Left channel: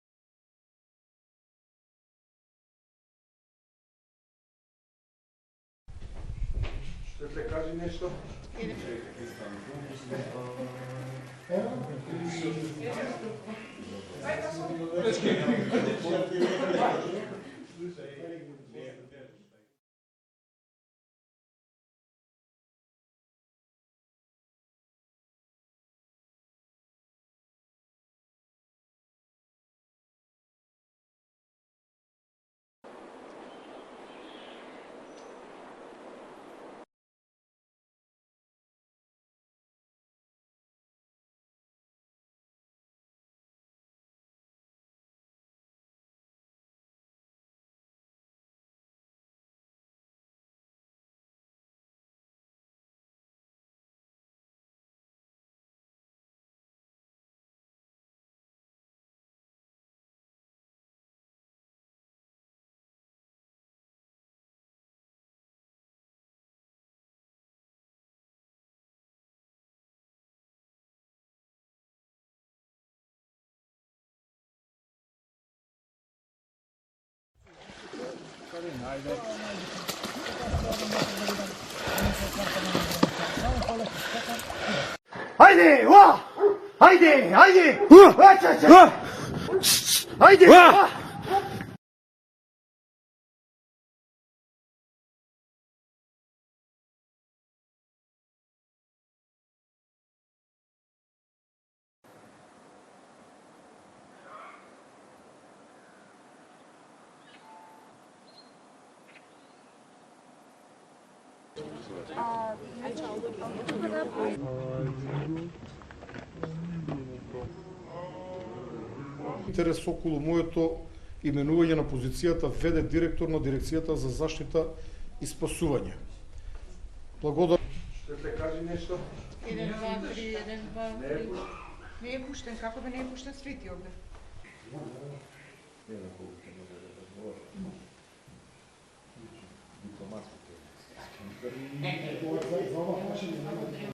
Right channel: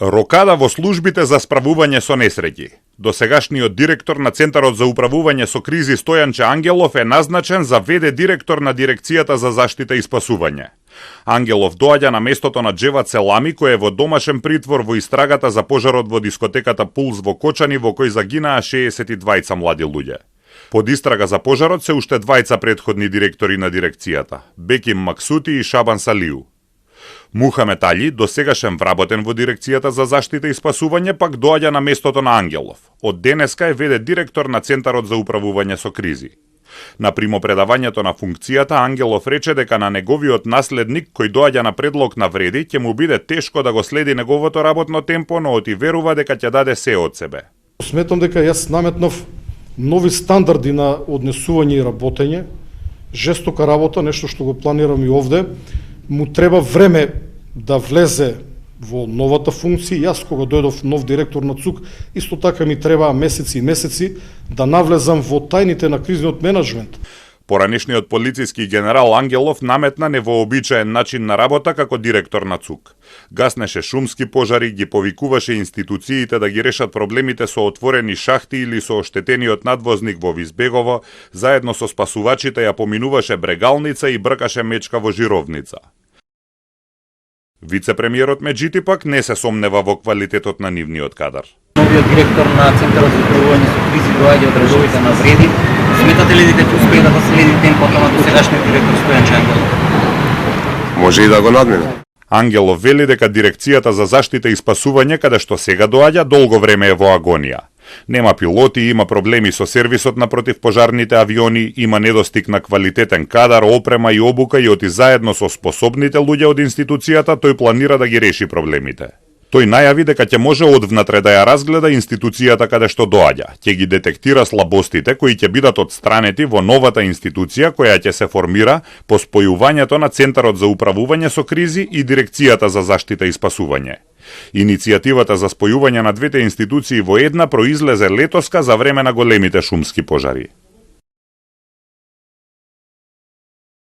Рокада во службите за справување со несреќи. Досегашниот директор на Центарот за управување со кризи Стојанче Ангелов е назначен за ВД директор на Дирекцијата за заштита и спасување. Ангелов доаѓа на местото на Джеват Селами, кој е во домашен притвор во истрагата за пожарот во дискотеката Пулс во Кочани, во кој загинаа 62 млади луѓе. Под истрага за пожарот се уште двајца претходни директори на дирекцијата, Беким Максути и Шабан Салиу. Мухамет Али, досегашен вработен во Дирекцијата за заштита и спасување, пак доаѓа на местото на Ангелов. Од денеска е ВД директор на Центарот за управување со кризи. На примопредавањето на функцијата, Ангелов рече дека на неговиот наследник, кој доаѓа на предлог на вреди, ќе му биде тешко да го следи неговото работно темпо, но оти верува дека ќе даде се од себе. Сметам дека јас наметнав нови стандарди на однесување и работење, жестока работа, нешто што го планирам и овде. Му треба време да влезе во новата функција. Јас кога дојдов нов директор на ЦУК, исто така ми требаа месеци и месеци да навлезам во тајните на кризниот менеджмент. Поранешниот полициски генерал Ангелов наметна невообичаен начин на работа како директор на ЦУК. Гаснеше шумски пожари, ги повикуваше институциите да ги решат проблемите со отворени шахти или со оштетениот надвозник во Визбегово, заедно со спасувачите ја поминуваше брегалница и бркаше мечка во жировница. Вице-премиерот меѓутоа пак не се сомнева во квалитетот на нивниот кадар. Новиот директор на Центарот за управување со кризи доаѓа од редовите на вреди. Сметате ли дека ќе успее да следи темпото на досегашниот директор Стојанче Ангелов? Може и да го надмине. Ангелов вели дека Дирекцијата за заштита и спасување, каде што сега доаѓа, долго време е во агонија. Нема пилоти, има проблеми со сервисот на противпожарните авиони, има недостиг на квалитетен кадар, опрема и обука и оти заедно со способните луѓе од институцијата, тој планира да ги реши проблемите. Тој најави дека ќе може одвнатре да ја разгледа институцијата каде што доаѓа, ќе ги детектира слабостите кои ќе бидат отстранети во новата институција која ќе се формира по спојувањето на Центарот за управување со кризи и Дирекцијата за заштита и спасување. Иницијативата за спојување на двете институции во една произлезе летоска за време на големите шумски пожари.